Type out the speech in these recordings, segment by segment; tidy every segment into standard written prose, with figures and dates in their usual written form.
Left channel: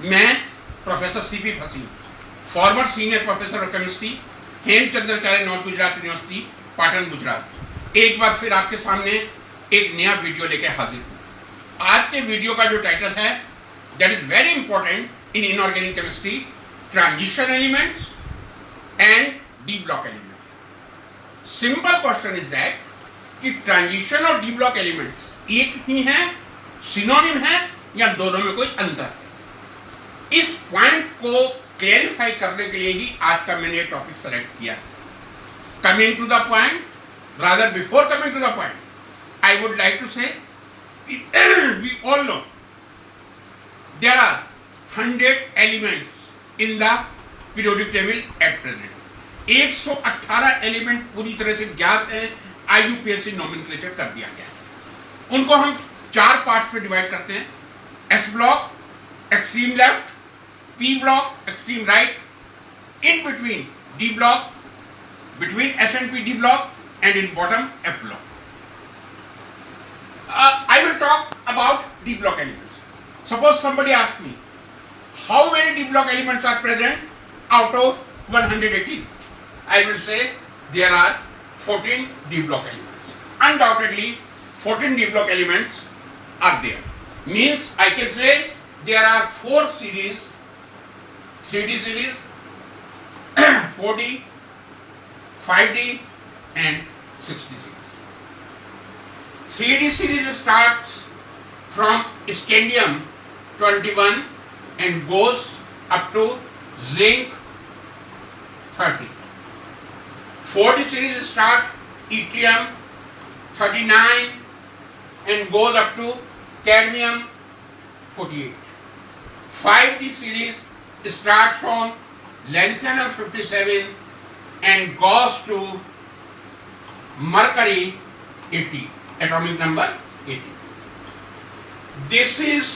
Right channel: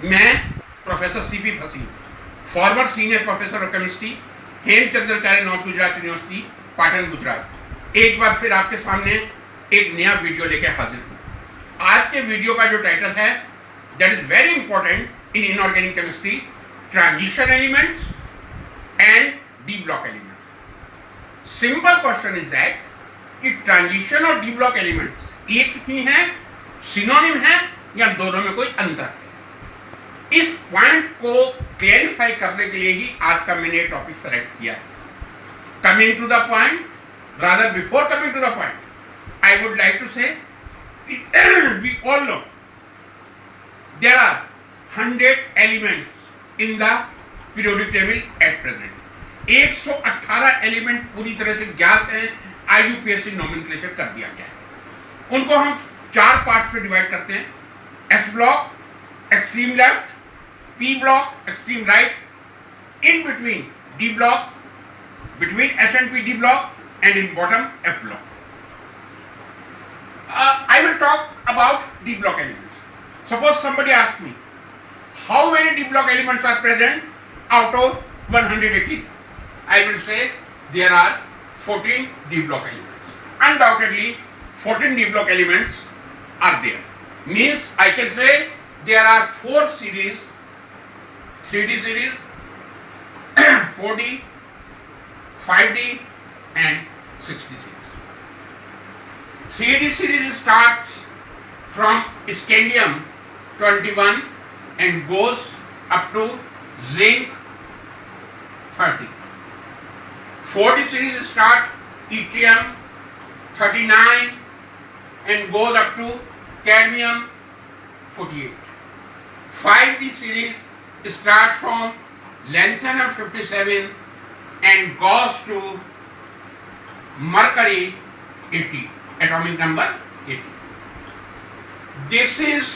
मैं professor CP फसीन, former senior professor of chemistry, Hemchandracharya north Gujarat university, Patan, Gujarat, एक बार फिर आपके सामने एक नया वीडियो लेकर हाजिर हूँ। आज के वीडियो का जो टाइटल है that is very important in inorganic chemistry, transition elements and D block elements. Simple question is that कि ट्रांजिशन और डी ब्लॉक एलिमेंट्स एक ही हैं, सिनोनिम है या दोनों में कोई अंतर है? इस पॉइंट को क्लैरिफाई करने के लिए ही आज का मैंने ये टॉपिक सेलेक्ट किया। Coming to the point, rather before coming to the point, I would like to say we all know there are 100 elements in the periodic table at present. 118 element पूरी तरह से ज्ञात है, IUPAC नोमेनक्लेचर कर दिया गया है। उनको हम चार पार्ट्स में डिवाइड करते हैं: S block extreme left, P block extreme right, in between D block, between S and P D block, and in bottom F block. I will talk about D block elements. Suppose somebody asks me, how many D block elements are present out of 118? I will say there are 14 D block elements. Undoubtedly, 14 D block elements are there. Means I can say there are 4 series, 3D series, 4D, 5D and 6D series. 3D series starts from scandium 21 and goes up to zinc 30. 4D series start yttrium 39 and goes up to cadmium 48. 5D series start from lanthanum 57 and goes to mercury 80, atomic number 80. This is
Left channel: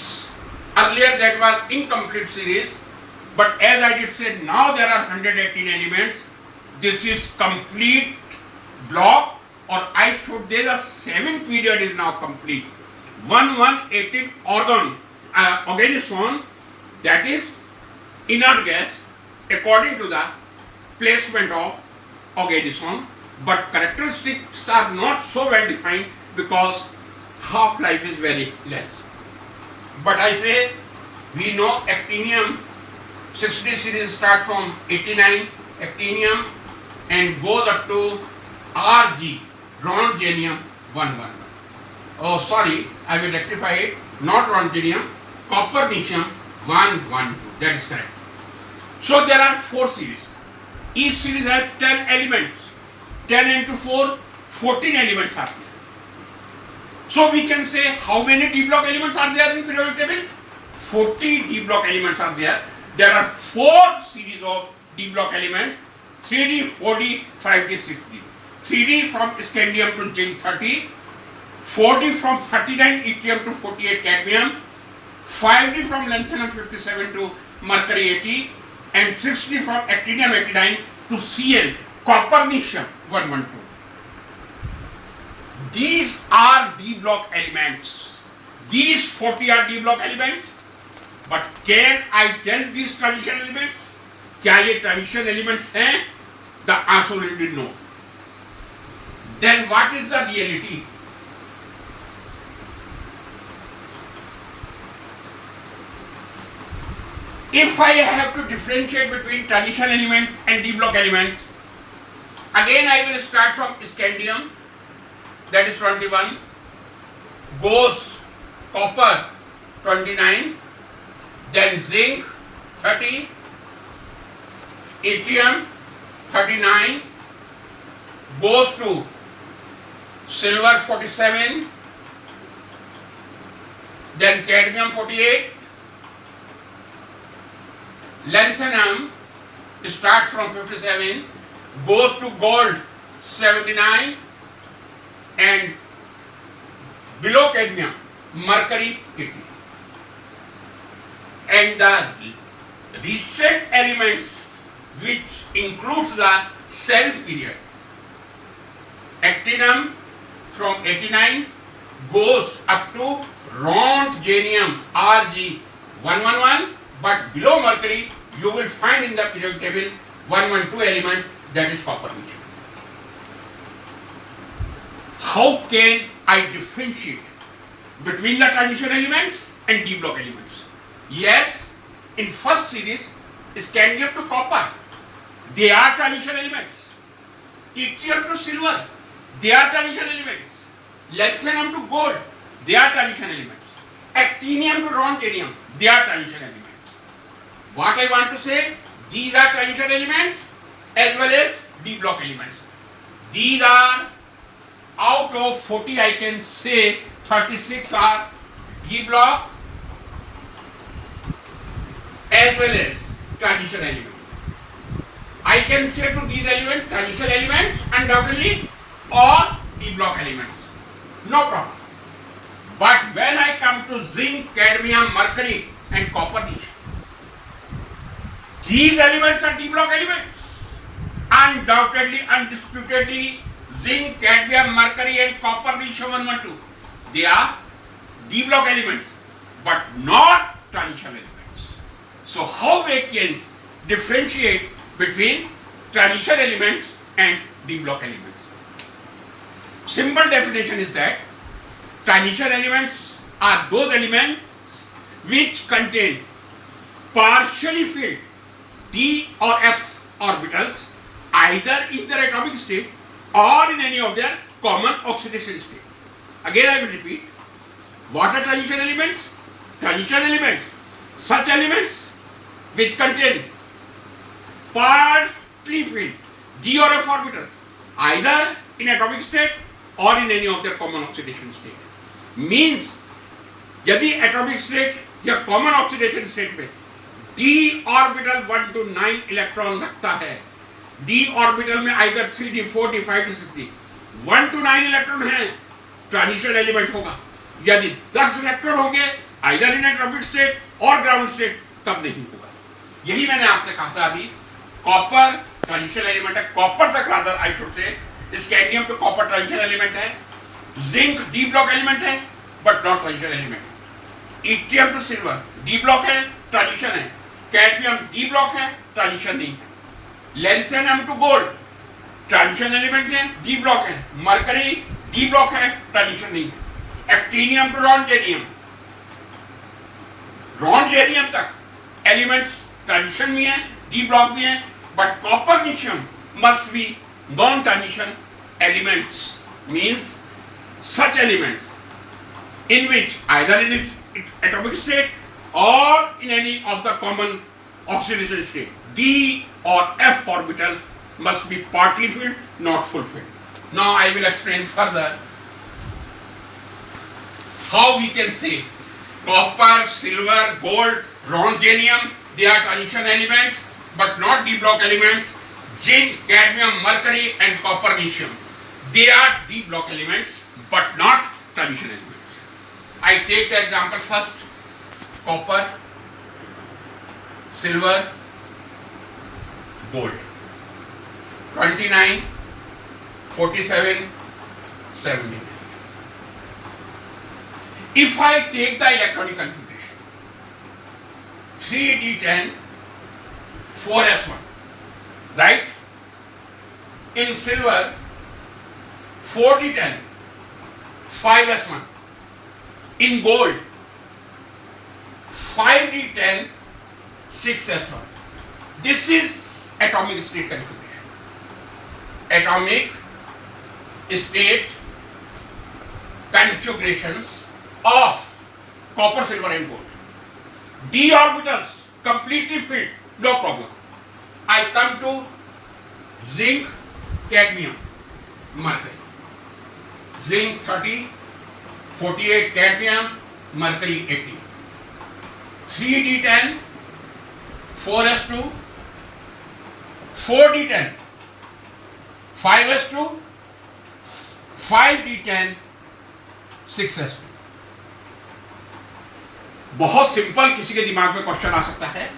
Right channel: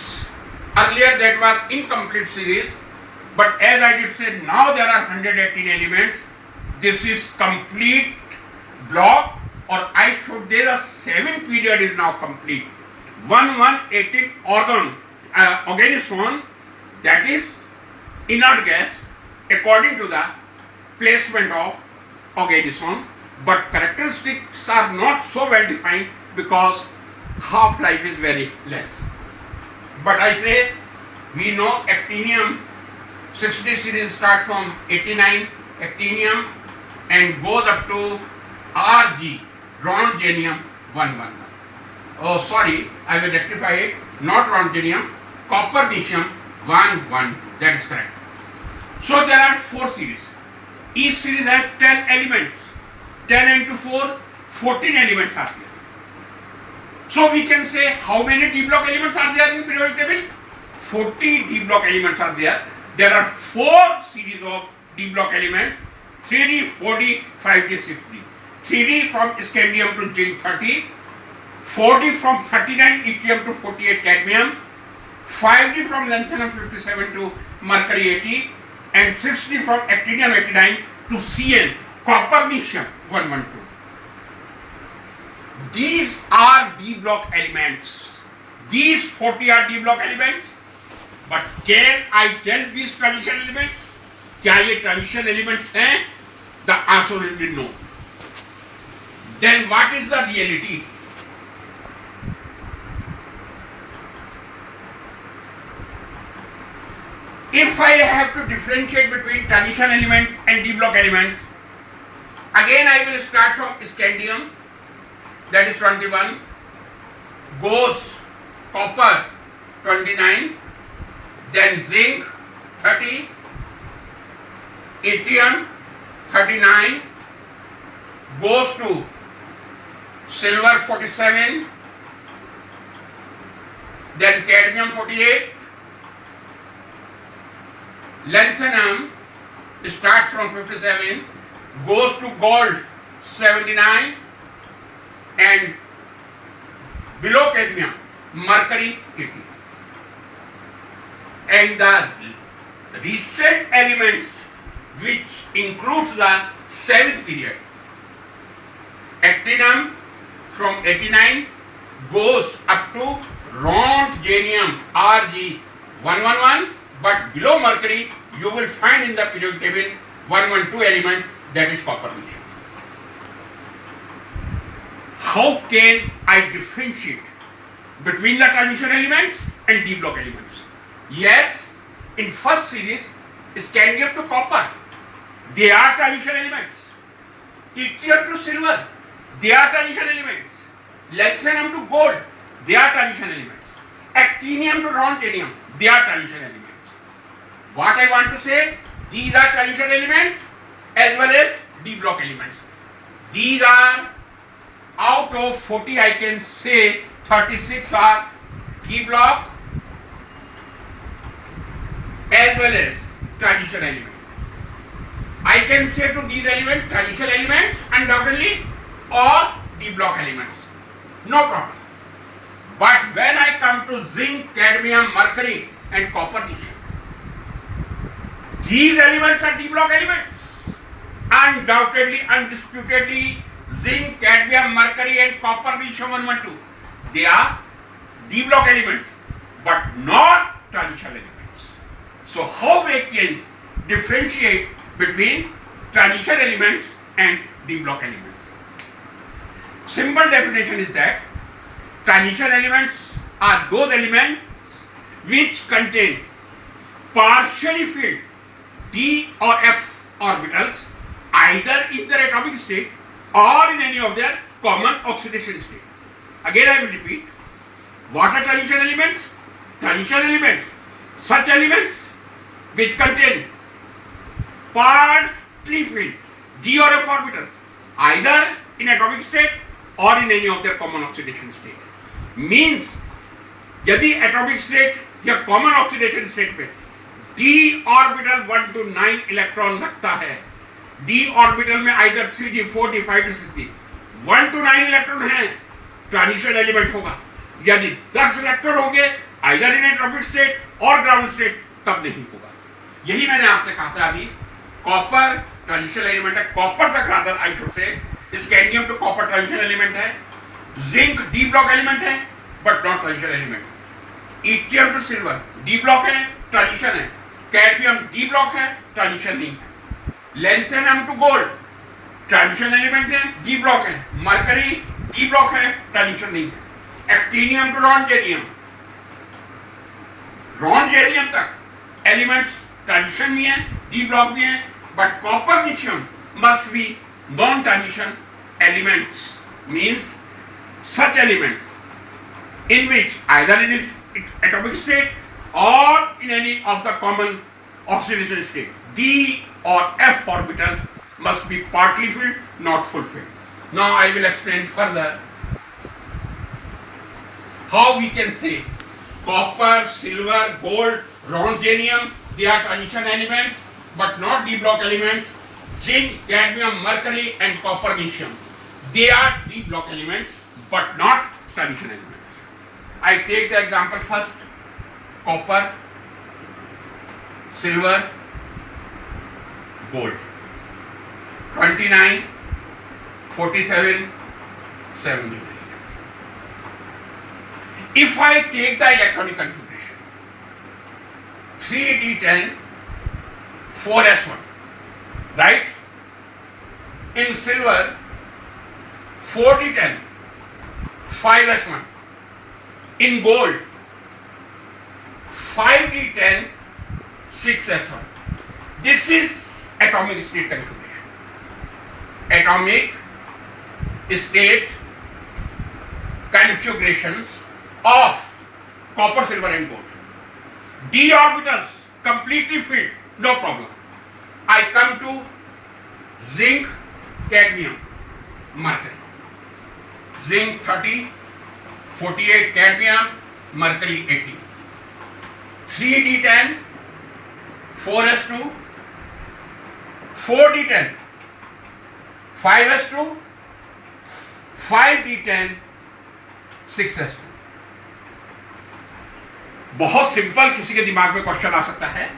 earlier that was incomplete series, but as I did say, now there are 118 elements. This is complete block, or I should say the 7 period is now complete. 118 organism, that is inert gas according to the placement of organism, but characteristics are not so well defined because half-life is very less. But I say we know actinium 60 series start from 89 actinium and goes up to Rg, rhongenium 111. Oh sorry, I will rectify it, not rhongenium, copernicium 112. That is correct. So there are 4 series. Each series has 10 elements. 10 into 4, 14 elements are there. So we can say how many D block elements are there in periodic table? 40 D block elements are there. There are 4 series of D block elements: 3D, 4D, 5D, 6D. 3D from scandium to zinc 30, 4D from 39 yttrium to 48 cadmium, 5D from lanthanum 57 to mercury 80, and 6D from actinium 89 to Cn, copernicium 112. These are D block elements. These 40 are D block elements. But can I tell these transition elements? क्या ये transition elements हैं? The answer will be no. Then what is the reality? If I have to differentiate between transition elements and D block elements, again I will start from scandium, that is 21, goes copper 29, then zinc 30, yttrium 39, goes to silver 47, then cadmium 48, lanthanum starts from 57, goes to gold 79, and below cadmium mercury 80. And the recent elements which includes the 7th period, actinium from 89 goes up to rhongenium Rg 111, but below mercury you will find in the periodic table 112 element, that is copper nickel. How can I differentiate between the transition elements and d block elements? Yes, in first series scandium to copper, they are transition elements. Yttrium to silver, they are transition elements. Lanthanum to gold, they are transition elements. Actinium to rhodium, they are transition elements. What I want to say, these are transition elements as well as d block elements. These are, out of 40 I can say 36 are d block as well as transition element. I can say to these elements transition elements undoubtedly or d block elements, no problem. But when I come to zinc, cadmium, mercury and copper nickel, these elements are d block elements. Undoubtedly, undisputedly, zinc, cadmium, mercury and copper nickel 112, they are d block elements but not transition elements. So how we can differentiate between transition elements and d block elements? Simple definition is that transition elements are those elements which contain partially filled d or f orbitals either in their atomic state or in any of their common oxidation state. Again I will repeat, what are transition elements? Transition elements, such elements which contain partly filled d or f orbitals either in atomic state or in any of their common oxidation state. Means यदि atomic state या common oxidation state पे d orbital 1 to 9 electron रखता है, d orbital में either 3d, 4d, 5d, 6d 1 to 9 electron है, transition element होगा. यदि 10 electron होंगे either in atomic state और ground state, तब नहीं होगा. यही मैंने आपसे कहा था अभी, कॉपर ट्रांजिशन एलिमेंट है, कॉपर तक rather I should say, scandium to copper transition element है, जिंक डी ब्लॉक एलिमेंट है but not transition element. Yttrium to silver d block है, ट्रांजिशन है. कैडमियम डी ब्लॉक है, ट्रांजिशन नहीं है. Lanthanum to gold transition element है, d block है. Mercury d block है, ट्रांजिशन नहीं है. एक्टिनियम टू रॉन्जेरियम तक एलिमेंट्स ट्रांजिशन भी है, डी ब्लॉक भी है, but copernicium must be non transition elements. Means such elements in which either in its atomic state or in any of the common oxidation state, d or f orbitals must be partly filled, not full filled. Now I will explain further how we can say copper, silver, gold, rhodium, they are transition elements but not d block elements. Zinc, cadmium, mercury and copper nickel, they are d block elements but not transition elements. I take the example first, copper, silver, gold, 29, 47, 70. If I take the electronic configuration, 3d10, 4s1, right? In silver, 4d10, 5s1. In gold, 5d10, 6s1. This is atomic state configuration. Atomic state configurations of copper, silver and gold. D orbitals completely filled, no problem. I come to zinc, cadmium, mercury. Zinc 30, 48 cadmium, mercury 80. 3d10, 4s2, 4d10, 5s2, 5d10, 6s2. बहुत simple किसी के दिमाग में question आ सकता है,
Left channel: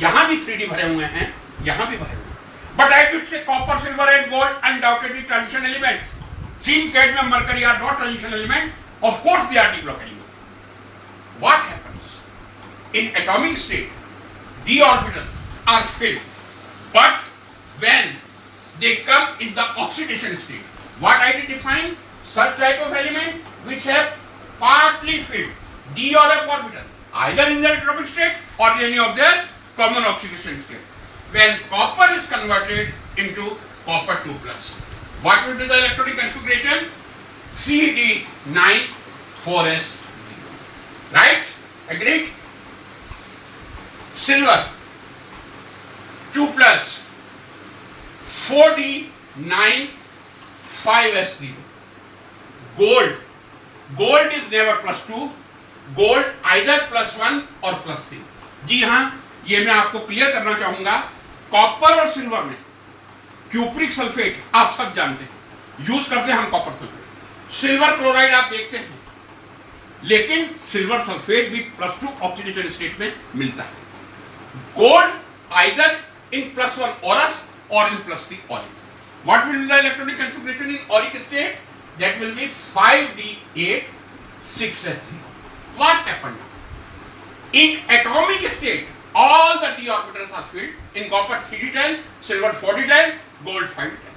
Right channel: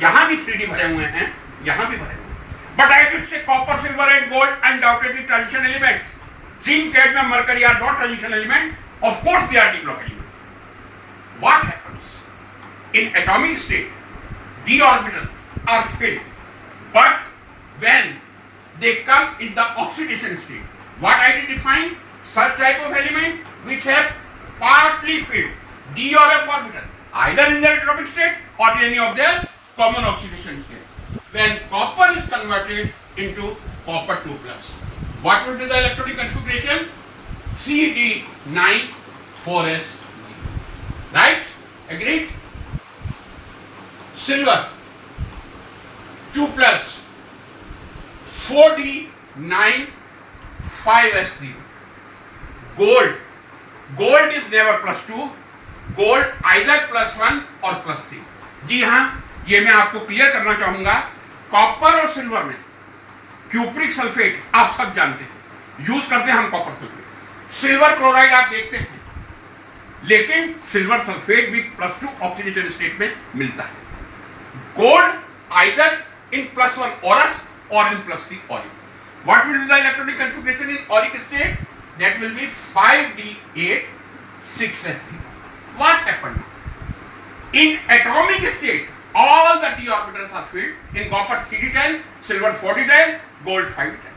यहां भी 3d भरे हुए हैं, यहां भी भरे हुए हैं. But I did say copper, silver and gold undoubtedly transition elements. Zinc, cadmium, mercury are not transition elements. Of course they are d block elements. What happens? In atomic state, d orbitals are filled, but when they come in the oxidation state. What I did define? Such type of element which have partly filled d or f orbital, either in their atomic state or in any of their common oxidation state. When copper is converted into copper 2 plus, what will be the electronic configuration? 3d9 4s0. Right? Agreed? Silver 2 plus 4d9 5s0. Gold is never plus 2. Gold either plus 1 और plus 3. जी हाँ, ये मैं आपको clear करना चाहूंगा. Copper और silver में cupric sulphate आप सब जानते हैं, यूज करते हैं हम कॉपर सल्फेट. सिल्वर क्लोराइड आप देखते हैं, लेकिन सिल्वर सल्फेट भी प्लस 2 ऑक्सीडेशन स्टेट में मिलता है. Gold either in plus 1 औरस or in plus 3 auric. What will be the electronic configuration in auric state? That will be 5d8 6s0. What happened? In atomic state, all the d orbitals are filled. In copper 3d10, silver 4d10, gold 5d10.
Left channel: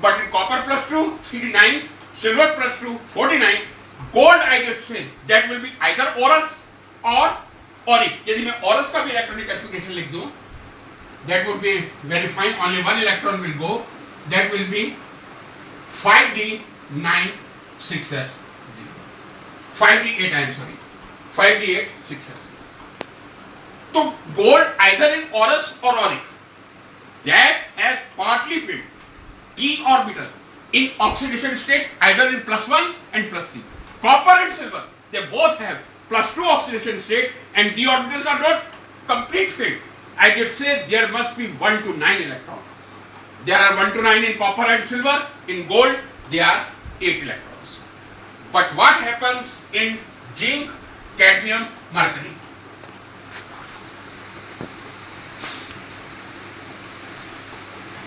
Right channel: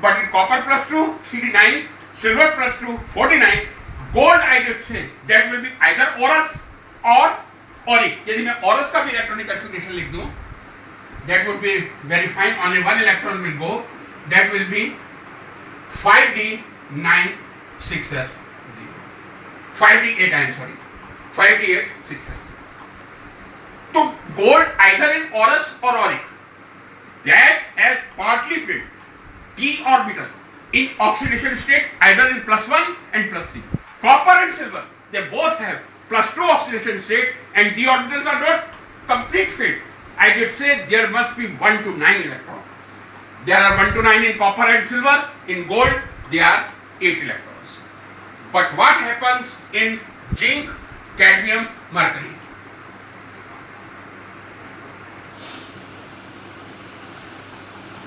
But in copper plus 2 3d9, silver plus 2 4d9, gold I did say that will be either औरस or auric. यदि मैं औरस का भी electronic configuration लिख दूं, that would be very fine. Only one electron will go. That will be 5d9 6s0. 5d8 I am sorry. 5d8 6s0. So gold either in औरस or auric, that has partly filled d orbital in oxidation state either in plus 1 and plus 3. Copper and silver, they both have plus 2 oxidation state and d orbitals are not complete filled. I did say there must be 1 to 9 electrons. There are 1 to 9 in copper and silver. In gold, there are 8 electrons. But what happens in zinc, cadmium, mercury?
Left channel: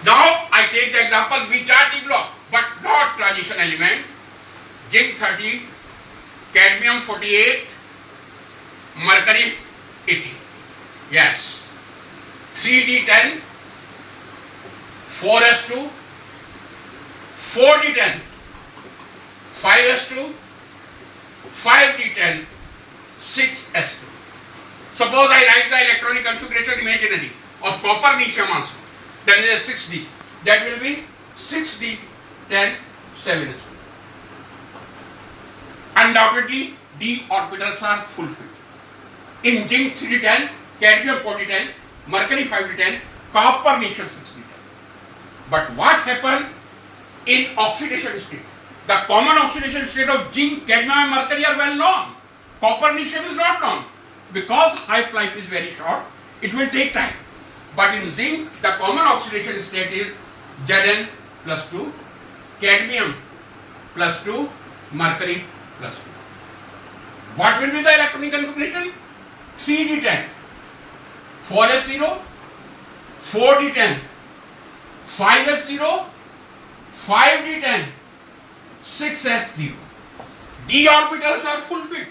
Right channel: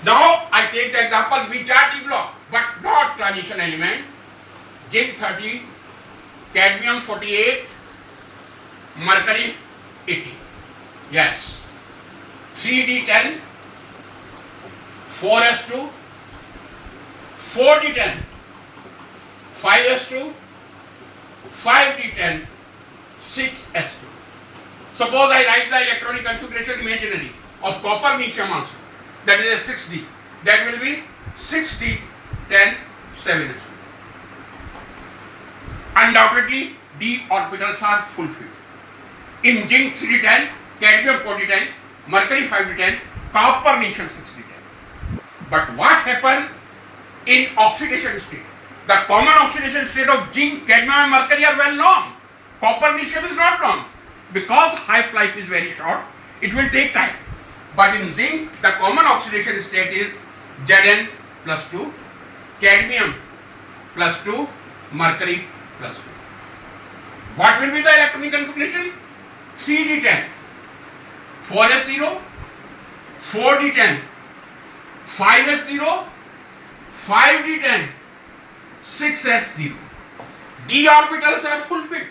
Now I take the example which are d block but not transition element. Zinc 30, cadmium 48, mercury 80. Yes. 3d10, 4s2, 4d10, 5s2, 5d10, 6s2. Suppose I write the electronic configuration imaginary of copper nichum also, that is a 6d. That will be 6d10, 7s2. Undoubtedly, d orbitals are fulfilled. In zinc 3d10, cadmium 4d10, mercury 5d10, copper nichum 6d10. But what happened in oxidation state? The common oxidation state of zinc, cadmium and mercury are well known. Copper nichum is not known. Because half-life is very short, it will take time. But in zinc, the common oxidation state is Zn plus 2, cadmium plus 2, mercury plus 2. What will be the electronic configuration? 3d10, 4s0, 4d10, 5s0, 5d10, 6s0. d orbitals are fulfilled.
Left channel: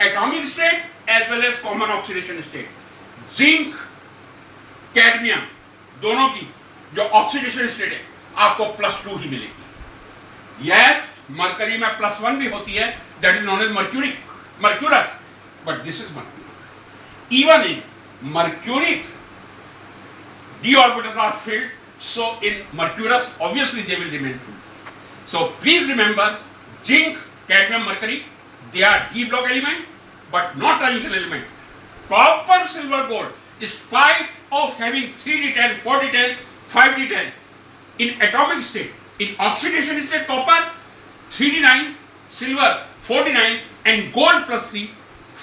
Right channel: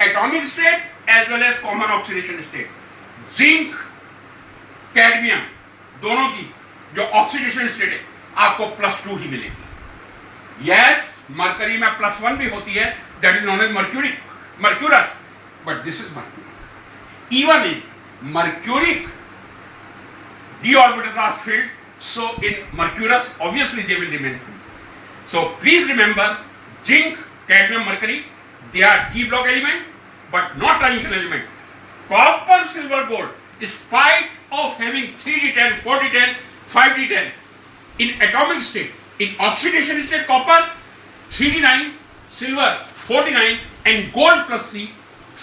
Atomic state as well as common oxidation state. Zinc cadmium दोनों की जो oxidation state है आपको +2 ही मिलेगी. Yes, mercury में +1 भी होती है, that is known as mercurous, but this is mercuric. Even in mercuric d orbitals are filled, so in mercurous obviously they will remain filled. So please remember, zinc, cadmium, mercury, they are d block element but not transition element. Copper, silver, gold, in spite of having 3d10, 4d10, 5d10 in atomic state, in oxidation state copper 3d9, silver 4d9 and gold +3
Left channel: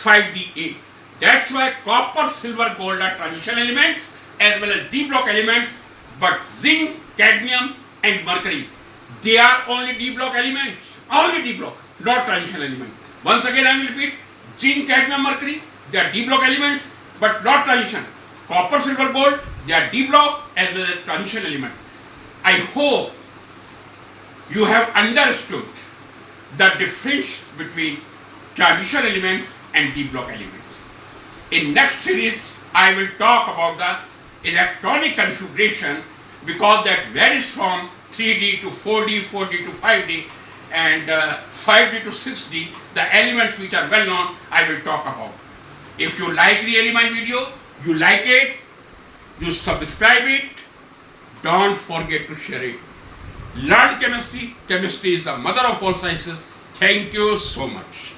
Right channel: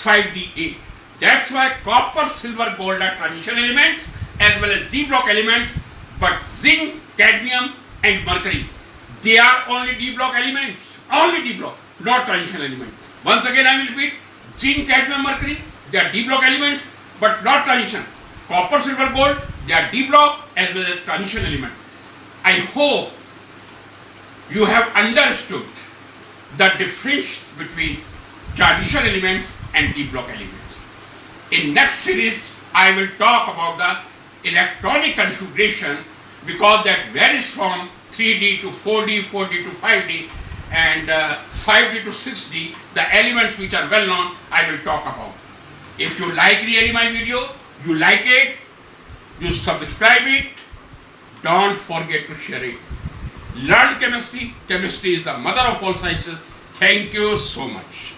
5d8. That's why copper, silver, gold are transition elements as well as d block elements, but zinc, cadmium and mercury, they are only d block elements, only d block, not transition element. Once again I will repeat, zinc, cadmium, mercury, they are d block elements but not transition. Copper, silver, gold, they are d block as well as transition element. I hope you have understood the difference between transition elements and d block elements. In next series I will talk about the electronic configuration, because that varies from 3D to 4D, 4D to 5D, and 5D to 6D. The elements which are well known, I will talk about. If you like really my video, you like it, you subscribe it, don't forget to share it. Learn chemistry. Chemistry is the mother of all sciences. Thank you so much.